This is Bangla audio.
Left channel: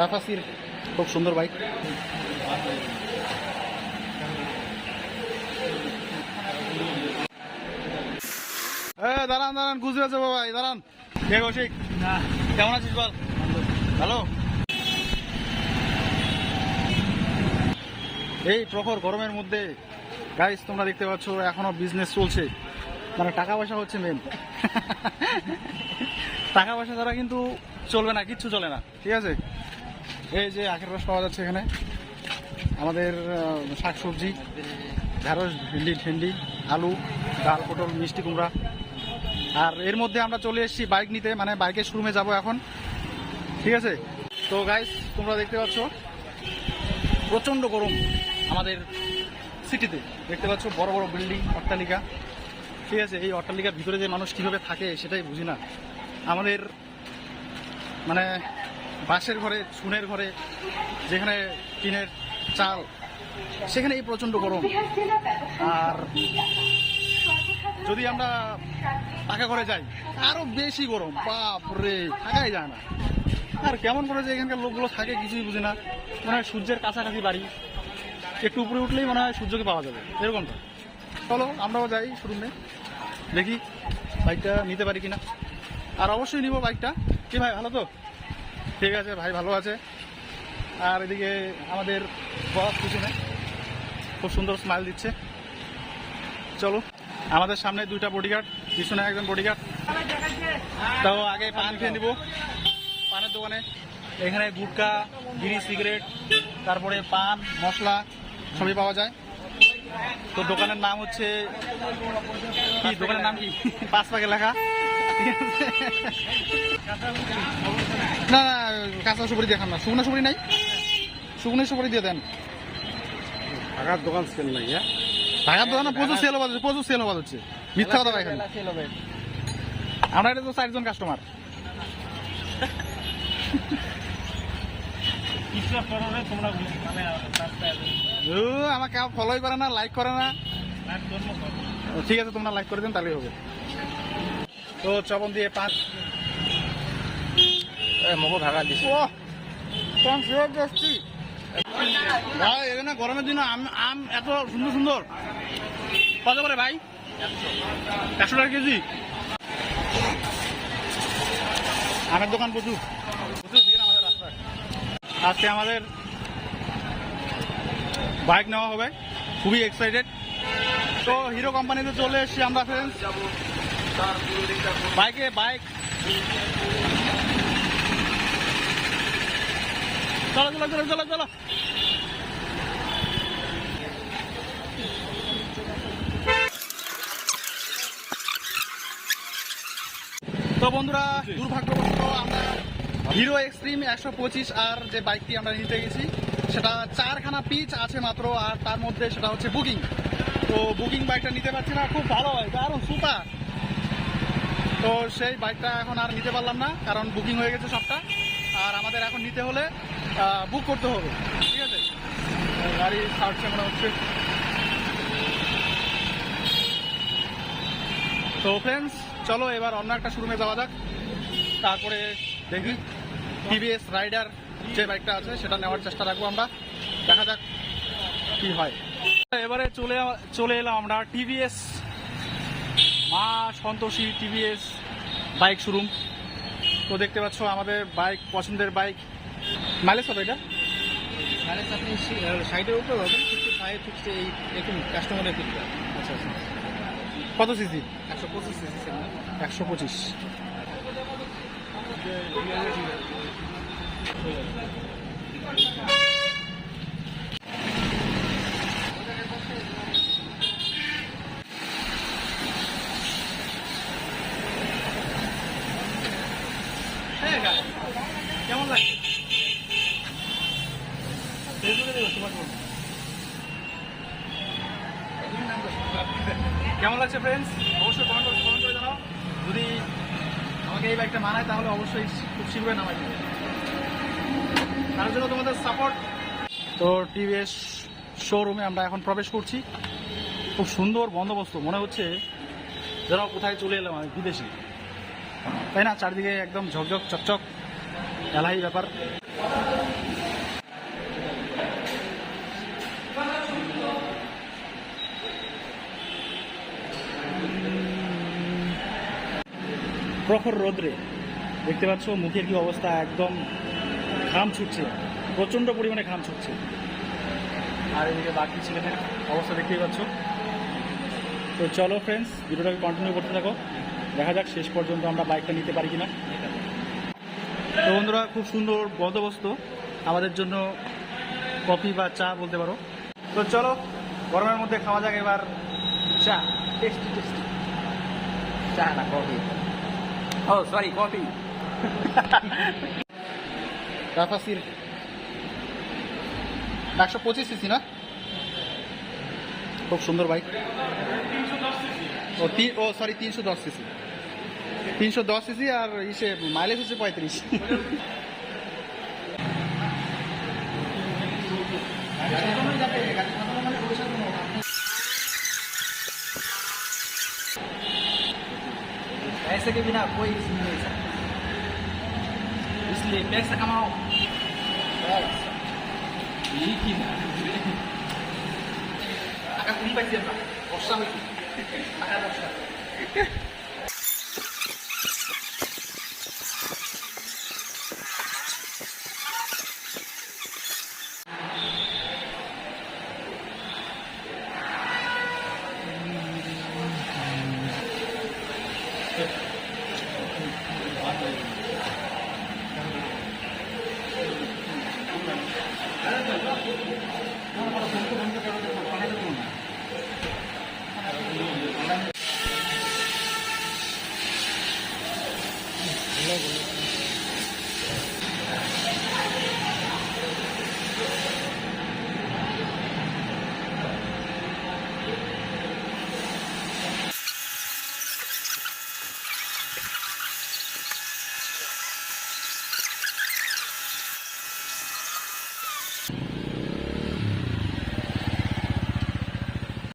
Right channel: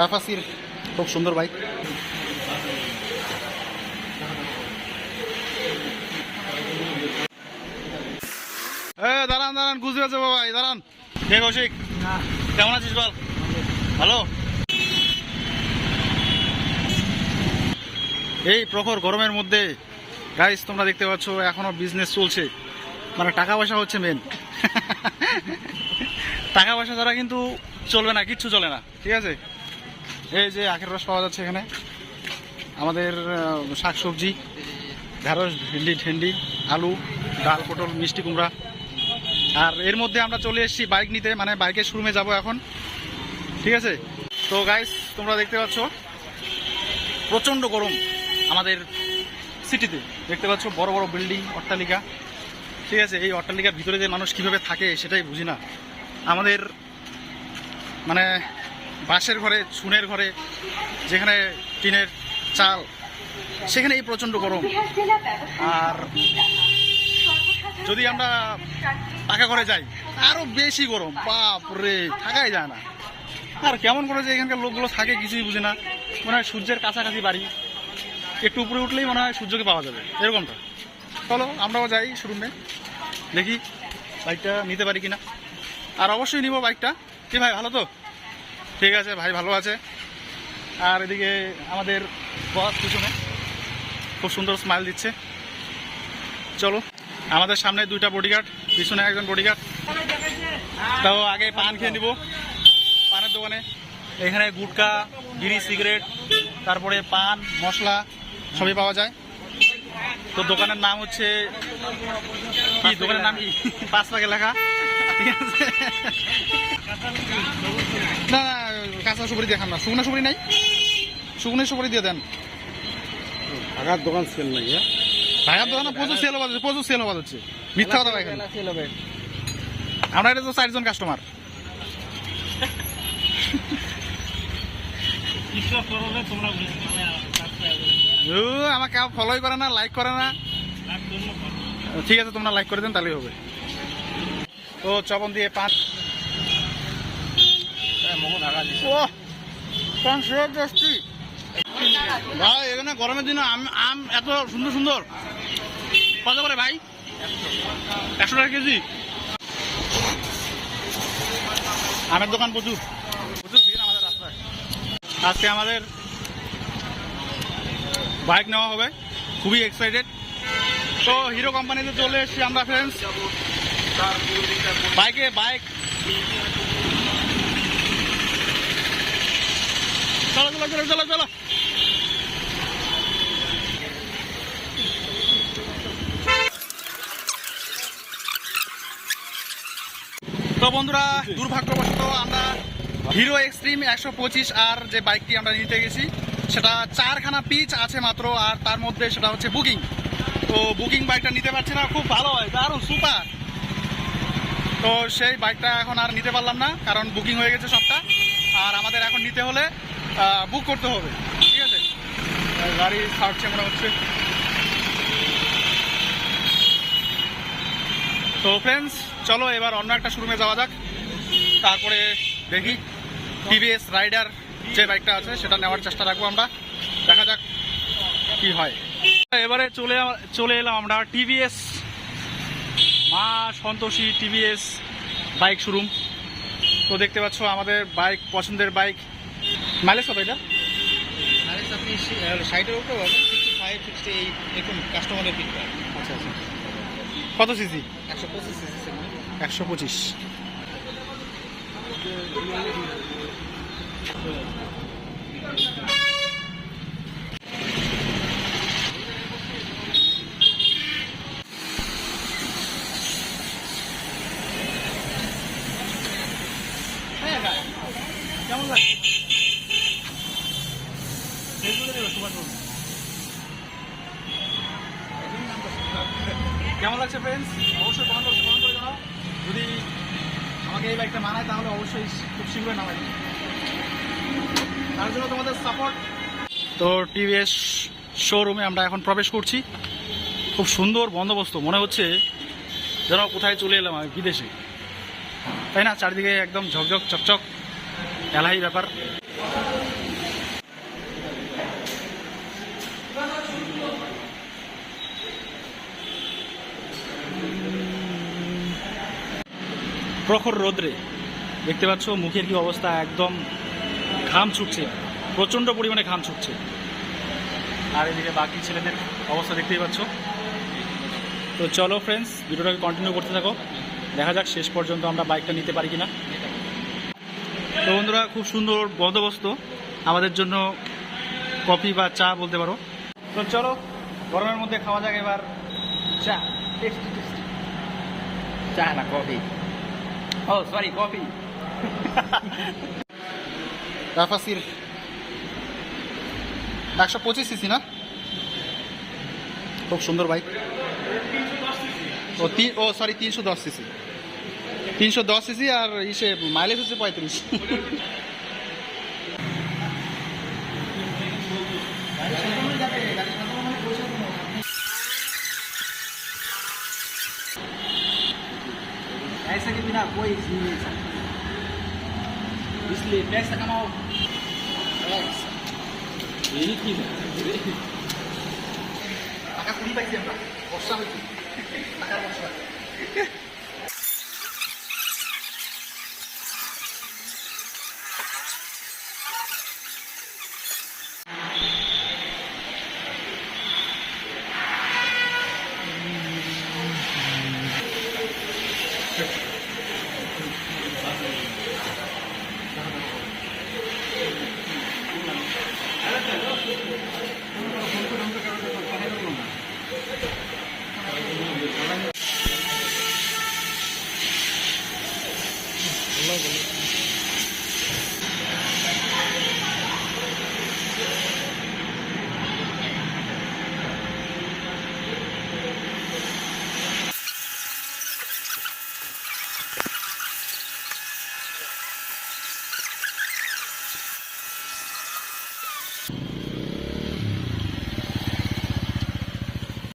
রাফাসির খুব সুন্দর বাইক। দাঁড়ান দাঁড়ান, গুজরে যাবো ভাই, দাঁড়ান। কে কৌশিক, কেমন আছিস বল? ভালো। এই প্রখর গরমের মধ্যে গাইস তোমরা দেখতে পাচ্ছ এখনো বিজনেস চলছে, মানে টাকা পয়সা হচ্ছে মেন। টাকা পয়সা ছাড়া কিন্তু চলবে না, কিচ্ছু চলে না, ঠিক আছে। এই যে আখের রস পাওয়া যাচ্ছে এখানে, আমাদের শাকসবজি, ঢেঁড়স, ভেন্ডি, ঠেন্ডি, আলু, ডাল, পটল, মিষ্টি কুমড়া। আর এর মধ্যে আমরা চলে এসেছি বাইক নিতে, মানে বাইকের শোরুমে যাব এখন, ঠিক আছে। তো গাইস তোমরা দেখতে পাচ্ছ প্রচণ্ড গরম আমাদের সিটিতে, দেখতে পাচ্ছ বড় বড় বিল্ডিং, অট্টালিকা, ঠিক আছে। এই অট্টালিকার ভিতরে যে মানুষ কীভাবে থাকে সেটাই বুঝি না। আমাদের মানে বাঁশের ঘরে, চুনের ঘরে, যেখানে টিনের চাল, সেখানে এই প্রচণ্ড গরম। আর যদি আমরা পাকা ঘরে যাই আরও বেশি গরম, বাপ রে, থাকাই যায় না। আর কেমন করে যে এখানকার লোকগুলো থাকে কিছুই বুঝি না। মনে হয় সূর্যের কাছাকাছি বাড়ি, একটু উপরে উঠলেই মনে হয় সূর্যকে পাওয়া যাবে, এরকমটা। চলো আমরাও যাই শোরুমে, দেখি বাইকটা নিতে পারি কিনা। আর অবশ্যই নিব বাইকটা। কি ভাই, ভালো তো? ঠিক আছে ভাই, ভালো আছে। আর এদিকে আমাদের বস পিছনে খুব সুন্দর স্মাইল দিচ্ছে। চলো, আমাদের সামনে দুইটা বডিগার্ড, পিছনে একজন বডিগার্ড। তো আগে পান খেয়ে নিব পানের দোকানে। এখানে গুটকা, বিড়ি, সিগারেট, তারপরে পান মশলা সবই পাওয়া যায়। তো দোকানের নাম হচ্ছে কি, দোকানের নাম কি, 5 পাকে লেখা, ঠিক আছে। না না, কাঁচা সুপারি দেখান না, শুকনো সুপারি নাই, শুকনো সুপারি দিয়ে দেন। ঢাকার দোকান সেল নাই, ঢাকার দোকানে প্রচুর সেল বাজাচ্ছে, প্রচুর সেল বাজাচ্ছে, মিথ্যা কথা এখানে। আমরা এটা তো 4 জন কাস্টমার। আমাকে ফলোই করে না, লাইক করে না। ঠিক আছে, তোমরা লাইক করে দেন তাহলেই হবে। তো চবন দিয়ে 5 ভাই, এখানে গরমের দিনে আম এত সুন্দর সুন্দর। কত করে ভাই? 100 টাকা কেজি। আমের দোকান প্রচুর প্রচুর ভিড় আমাদের রাস্তায়। আজকে আমাদের বাইক নেওয়া হবে, খুবই এক্সাইটেড। তো হিরো কোম্পানিতে চলে এসেছি আমরা ফ্রেন্ডস। বাইক চলো চলো চলো চলো চলো। তো বন্ধুরা, দুর্ভাগ্যবশত আমরা হিরো এক্সট্রিম 125 আর যে বাইকটি আমরা নিতে গেছি সেটা 4খানা পিচ আছে মাত্র, আর তার মধ্যে সেটা হচ্ছে বুকিং। তো বুকিং বাইকটা নিতে পারছি না, খুব ভালো হয়, দারুণ সুপার। তো সেই বাইকটা এখন আর নিতে পারলাম না, কারণ বুকিং হয়ে গেছে সবটা। আর আমাদের এখন নিতে হলে বুক করতে হবে, ঠিক আছে। গাড়ি ছাড়ছে মনে হচ্ছে। তো ফ্রেন্ডস চলো এবার অন্য একটা শোরুমে যাওয়া যাক, তারপরে দেখি টিভিএস রাইডার যে বাইকটা আছে সেটা নেওয়ার চেষ্টা রাখবো আমরা, দেখা যাক কি হয়। এবারে চলে এলাম আমরা টিভিএস মা সন্তোষী টিভিএস বাইক শোরুম। তো দেখতে পাচ্ছ আমাদের বাইক, পছন্দের বাইক। মাইলেজ কত এটা? আপনি 60-এর উপরে পাবেন, 55, 68 এরকম কাস্টমারের ফিডব্যাক। আচ্ছা আচ্ছা, কত সিসি? 125 সিসি। 125। কেমন লাগছে? কেমন লাগছে ফ্রেন্ডস? অবশ্যই কমেন্ট করে জানাও। যদি আমাকে এই বাইকটা মানায় তাহলে অবশ্যই খুব শীঘ্রই নামাই দিবে, তার জন্য তোমাদের সাপোর্ট। তো টিভিএস শোরুমে আমরা এখন প্রবেশ করছি। খুব সুন্দর বন্দোবস্ত, মনে হচ্ছে যেন কোথায় চলে এলাম আমি, বিদেশে, তাই না? চারিদিকে একদম ঝকঝক চকচক, এলাহি ব্যাপার। প্রখর রোদ্রে দেখতে পাচ্ছ মুখের কি অবস্থা, একদম ঘাম ছুটছে, প্রচণ্ড পরিমাণে ঘাম ছুটছে। আর এদিকে বাকি ছেলেদের অবস্থা দেখতেই পাচ্ছ। তো চলো ফ্রেন্ডস, ভিডিওটাকে কন্টিনিউ করতে থাকো, দেখা যাক শেষ পর্যন্ত আমরা বাইকটা নিতে পারি কিনা। তো বন্ধুরা, খুব সুন্দর বন্দোবস্ত আমাদের জন্য, কফি বা চা বলতে পারো। তো চলো, গরমের মধ্যে খাওয়া যাক এবার চা। চা না কফি, ও সরি, কফি। রাফাসির 125 সিসি না, খুব সুন্দর বাইক। ও সরি 310 সিসি, 310 সিসি, আর ইসে মাইলেজ হচ্ছে 35। ऐसे के बिना कोई चीज नहीं मिल सकता, इसलिए टैक्स कमाओ, टैक्स টাকা কম পাইছি আমরা, বর্ষা হয়েছি, টাকার বর্ষা। बोलो बोलो